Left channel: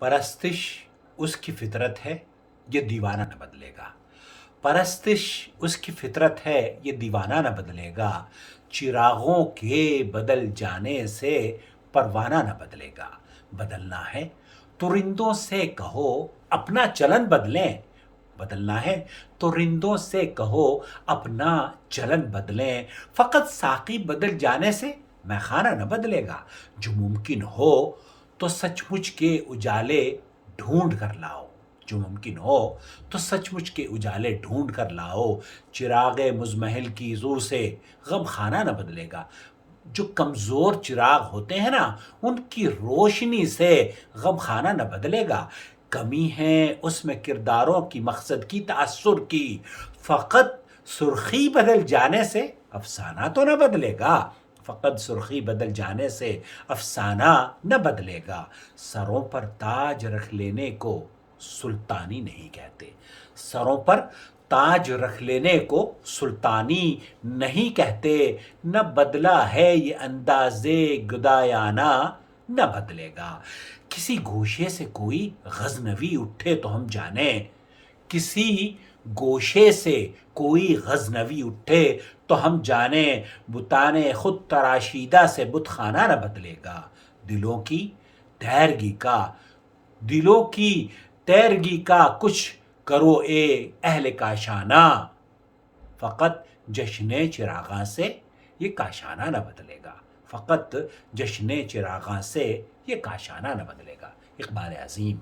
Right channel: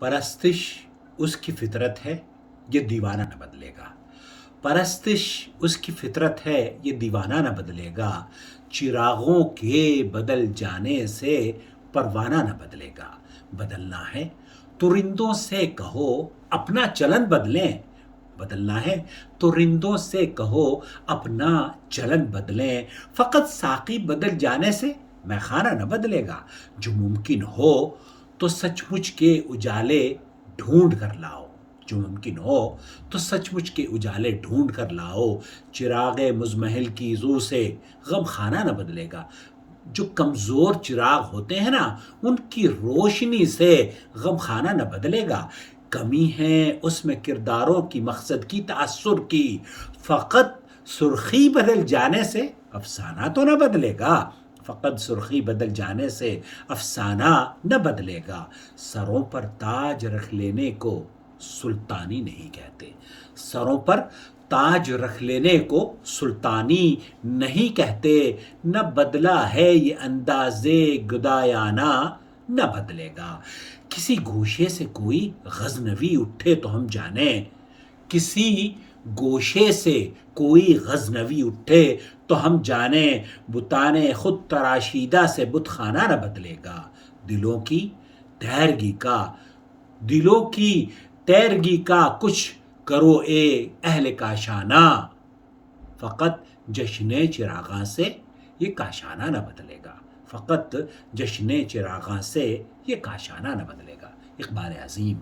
پرستش اس کی فطرت ہے، یہ دیوانہ نہ بدلے گا۔ پرستش اس کی فطرت ہے، یہ دیوانہ نہ بدلے گا۔ چراغوں کے بدل جانے سے پروانہ نہ بدلے گا۔ بدلنا ہے تو رندوں سے کہو اپنا چلن بدلیں، بدلنا ہے تو رندوں سے کہو اپنا چلن بدلیں۔ فقط ساقی بدل جانے سے میخانہ نہ بدلے گا۔ جو ممکن ہو تو سچ مچ کے اجالے ڈھونڈ کر لاؤ، جو ممکن ہو تو سچ مچ کے اجالے ڈھونڈ کر لاؤ۔ چراغ مزمحل کی رو سے غم خانہ نہ بدلے گا۔ جو کمزور چراغ ہوتے ہیں نا، ان کی روشنی سے غم خانہ نہ بدلے گا۔ کمی ہے اس میں کرداروں کی، مقصد کی، تأثر کی، فقط سرخی بدل جانے سے افسانہ تو نہ بدلے گا۔ فقط سرخی بدل جانے سے افسانہ نہ بدلے گا۔ سروں پر تاج رکھ لینے کو سلطانی نہیں کہتے، سروں پر تاج رکھ لینے کو سلطانی نہیں کہتے۔ نہ بدلا ہے یہ انداز گدایانہ، نہ بدلے گا۔ کسی گوشے سے کوئی غزنوی اٹھے تو ہم جانیں، کسی گوشے سے کوئی غزنوی اٹھے تو ہم جانیں، بتانے خود تراشیدہ سے بت خانہ نہ بدلے گا۔ دلوں کی تیرگی کا، دلوں کی تیرگی کا کچھ کرو اے اہل کاشانہ، فقط جشن چراغاں سے یہ کاشانہ نہ بدلے گا۔ فقط جشن چراغاں سے یہ کاشانہ نہ بدلے گا۔ اقبال عظیم۔